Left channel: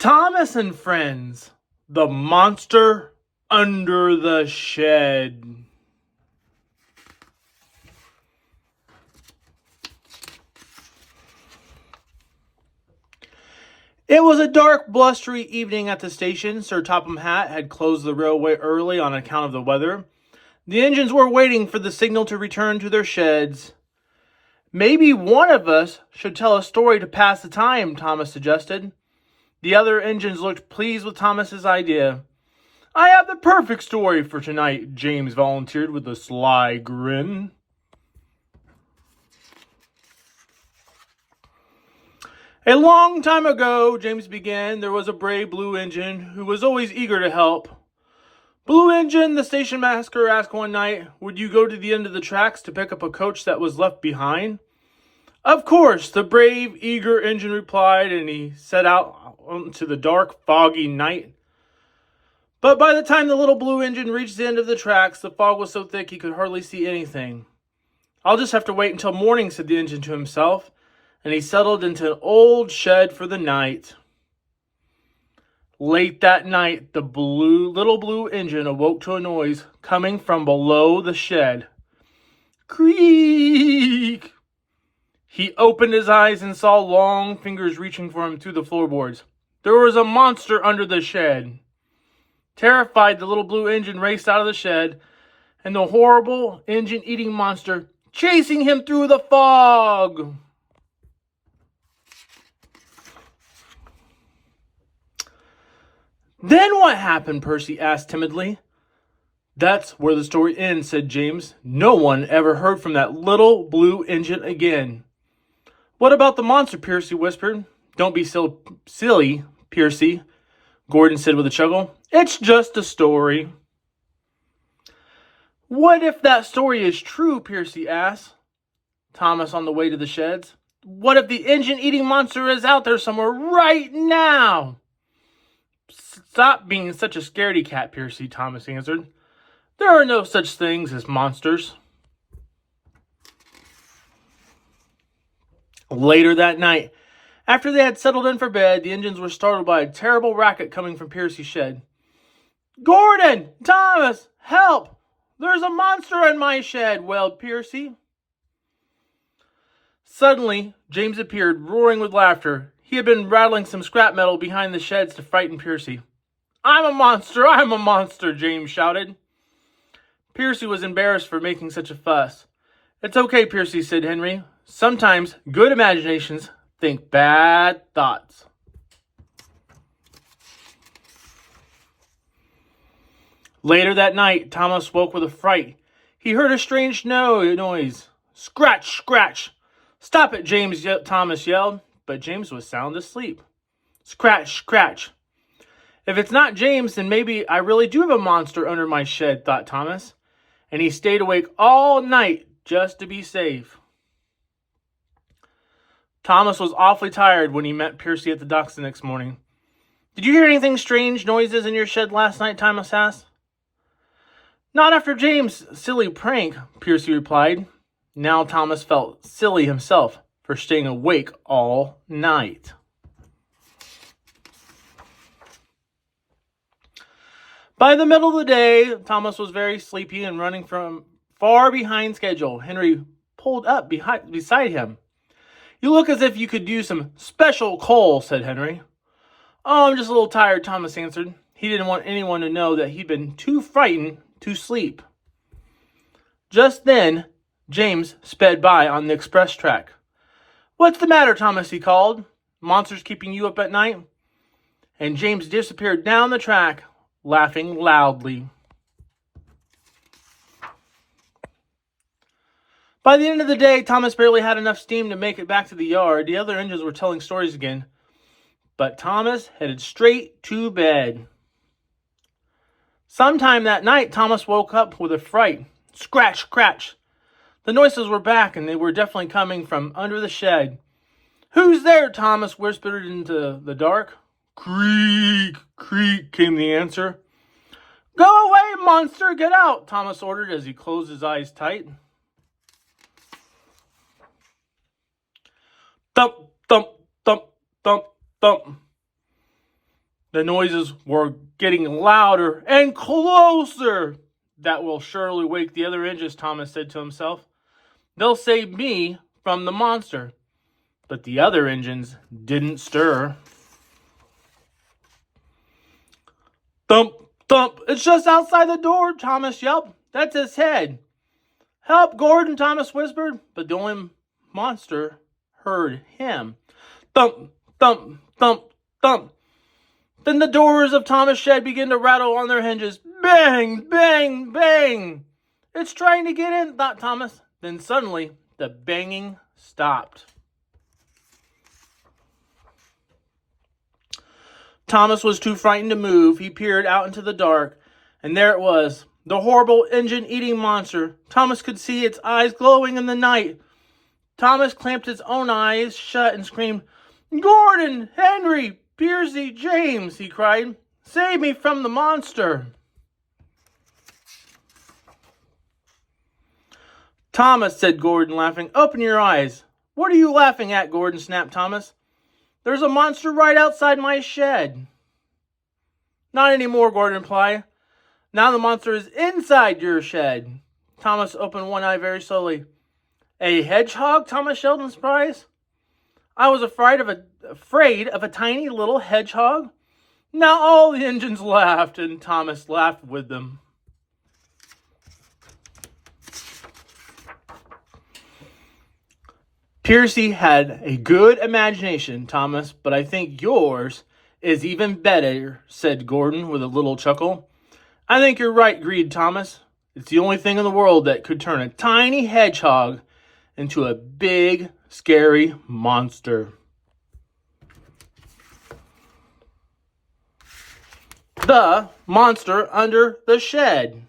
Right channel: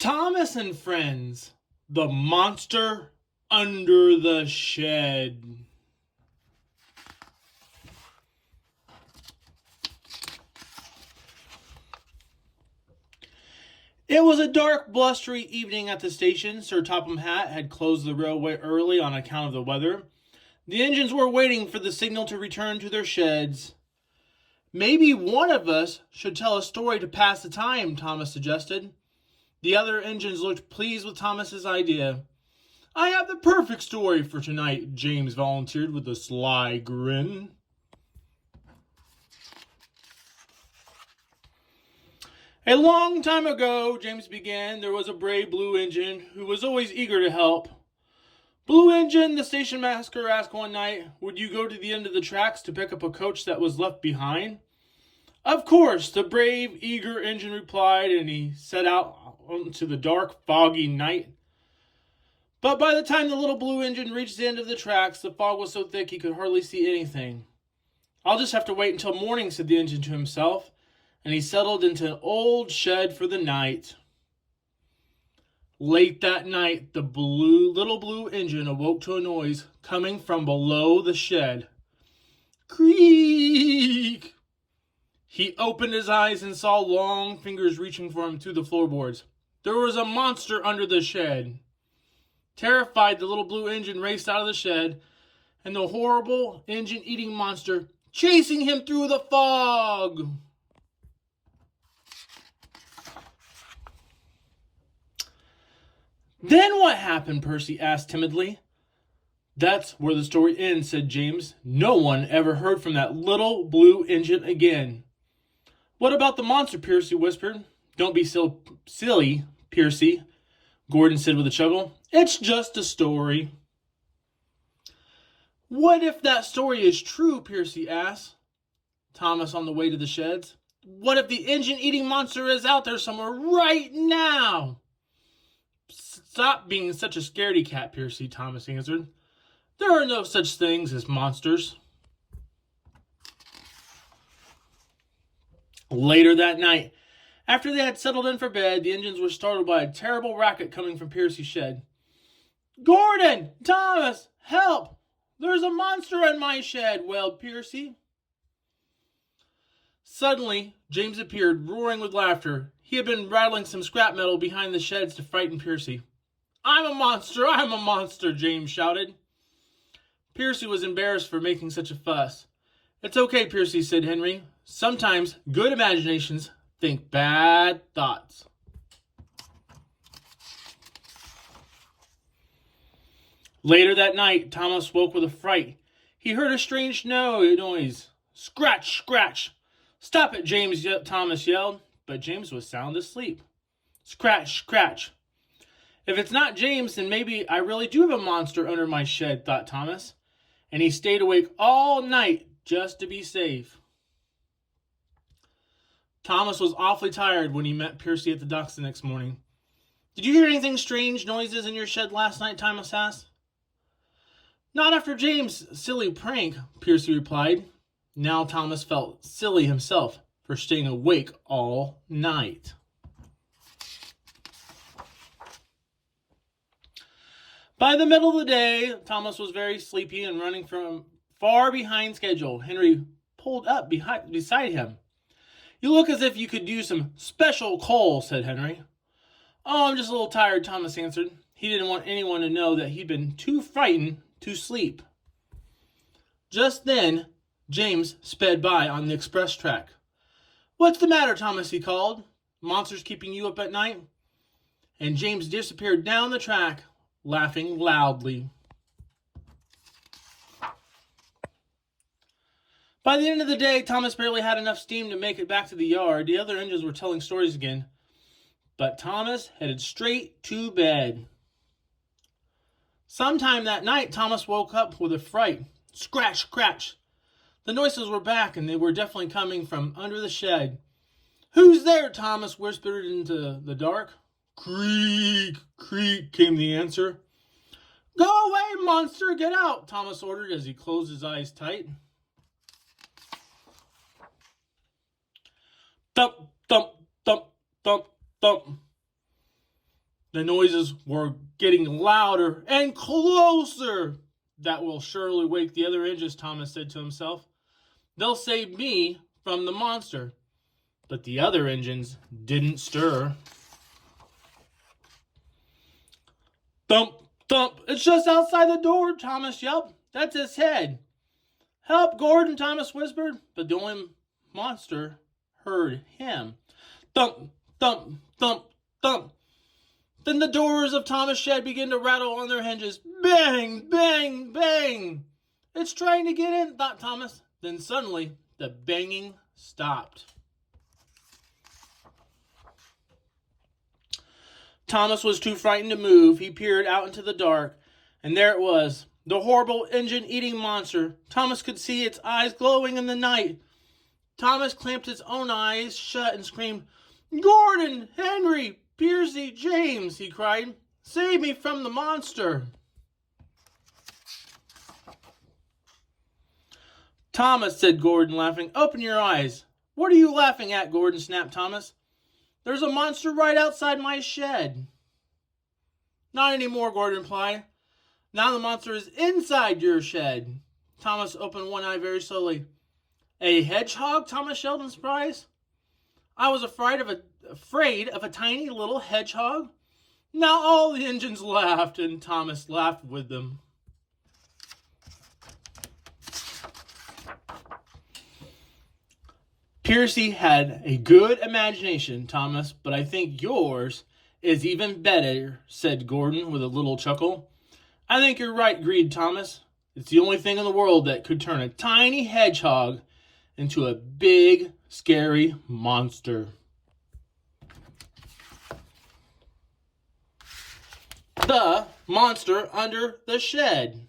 Thomas and Friends, the monster under the shed. It was a dark, blustery evening at the station. Sir Topham Hatt had closed the railway early on account of the weather. The engines were waiting for the signal to return to their sheds. "Maybe one of us should tell a story to pass the time," Thomas suggested. The other engines looked pleased with Thomas's idea. "I have the perfect story for tonight," James volunteered with a sly grin. "A long time ago," James began, "there was a brave Blue Engine who was always eager to help. Blue Engine," the station master asked one night, "would you go to the end of the tracks to pick up a coach that was left behind?" "Of course," the brave, eager engine replied, and he set out into the dark, foggy night. But by the time the little Blue Engine reached the end of the tracks, the fog was so thick he could hardly see anything. "I'll just have to wait until morning," said the engine to himself, and he settled into an old shed for the night. Late that night, the little Blue Engine awoke to a noise coming from below the shed. Creak! He opened his eyes and saw long fingers reaching for him through the floorboards. There was a monster under the shed. Terrified, the little Blue Engine raced out of the shed, and the horrible engine-eating monster chasing him through the fog. "Then what happened?" Percy asked timidly. "That's where the story ends," said James. "No one ever heard from that little Blue Engine again." "What about the monster?" Percy whispered. "Don't be so silly, Percy," Gordon said with a chuckle. "It's just a story." "What if that story is true?" Percy asked Thomas on the way to the sheds. "What if the engine-eating monster is out there somewhere right now?" "Stop being such a scaredy cat, Percy," Thomas answered. "There are no such things as monsters." Later that night, after they had settled in for bed, the engines were startled by a terrible racket coming from Percy's shed. "Gordon! Thomas! Help! There's a monster in my shed!" wailed Percy. Suddenly, James appeared, roaring with laughter. He had been rattling some scrap metal behind the sheds to frighten Percy. I'm a monster, James shouted. Percy was embarrassed for making such a fuss. "It's okay, Percy," said Henry. "Sometimes good imaginations think bad thoughts." Later that night, Thomas woke with a fright. He heard a strange noise. "Scratch, scratch!" "Stop it, James!" Thomas yelled, but James was sound asleep. "Scratch, scratch!" "If it's not James, then maybe I really do have a monster under my shed," thought Thomas, and he stayed awake all night just to be safe. Thomas was awfully tired when he met Percy at the docks the next morning. "Did you hear anything strange noises in your shed last night?" Thomas asked. "Not after James' silly prank," Percy replied. Now Thomas felt silly himself for staying awake all night. By the middle of the day, Thomas was very sleepy and running from far behind schedule. Henry pulled up beside him. "You look as if you could use some special coal," said Henry. "Oh, I'm just a little tired," Thomas answered. He didn't want anyone to know that he'd been too frightened to sleep. Just then, James sped by on the express track. "What's the matter, Thomas?" he called. "Monsters keeping you up at night?" And James disappeared down the track, laughing loudly. By the end of the day, Thomas barely had enough steam to make it back to the yard. The other engines were telling stories again, but Thomas headed straight to bed. Sometime that night, Thomas woke up with a fright. Scratch, scratch. The noises were back, and they were definitely coming from under the shed. "Who's there?" Thomas whispered into the dark. "Creak, creak," came the answer. "Go away, monster! Get out!" Thomas ordered as he closed his eyes tight. Thump, thump, thump, thump, thump. The noises were getting louder and closer. That will surely wake the other engines, Thomas said to himself. They'll save me from the monster. But the other engines didn't stir. Thump, thump, it's just outside the door, Thomas yelped. That's his head. Help, Gordon, Thomas whispered, but the only monster heard him. Thump, thump, thump, thump. Then the doors of Thomas' shed began to rattle on their hinges. Bang, bang, bang. It's trying to get in, thought Thomas. Then suddenly, the banging stopped. Thomas was too frightened to move. He peered out into the dark, and there it was, the horrible engine-eating monster. Thomas could see its eyes glowing in the night. Thomas clamped his own eyes shut and screamed, Gordon, Henry, Piercy, James, he cried. Save me from the monster. Thomas, said Gordon, laughing. Open your eyes. What are you laughing at, Gordon, snapped Thomas. There's a monster right outside my shed. Not anymore, Gordon replied. Now the monster is inside your shed. Thomas opened one eye very slowly. A hedgehog? Thomas yelled in surprise. I was afraid of a tiny little hedgehog. Now all the engines laughed, and Thomas laughed with them. Piercy had a good imagination, Thomas, but I think yours is even better, said Gordon with a little chuckle. I think you're right, agreed Thomas. It's the only thing in the world that could turn a tiny hedgehog into a big, scary monster. The Monster Under the Shed.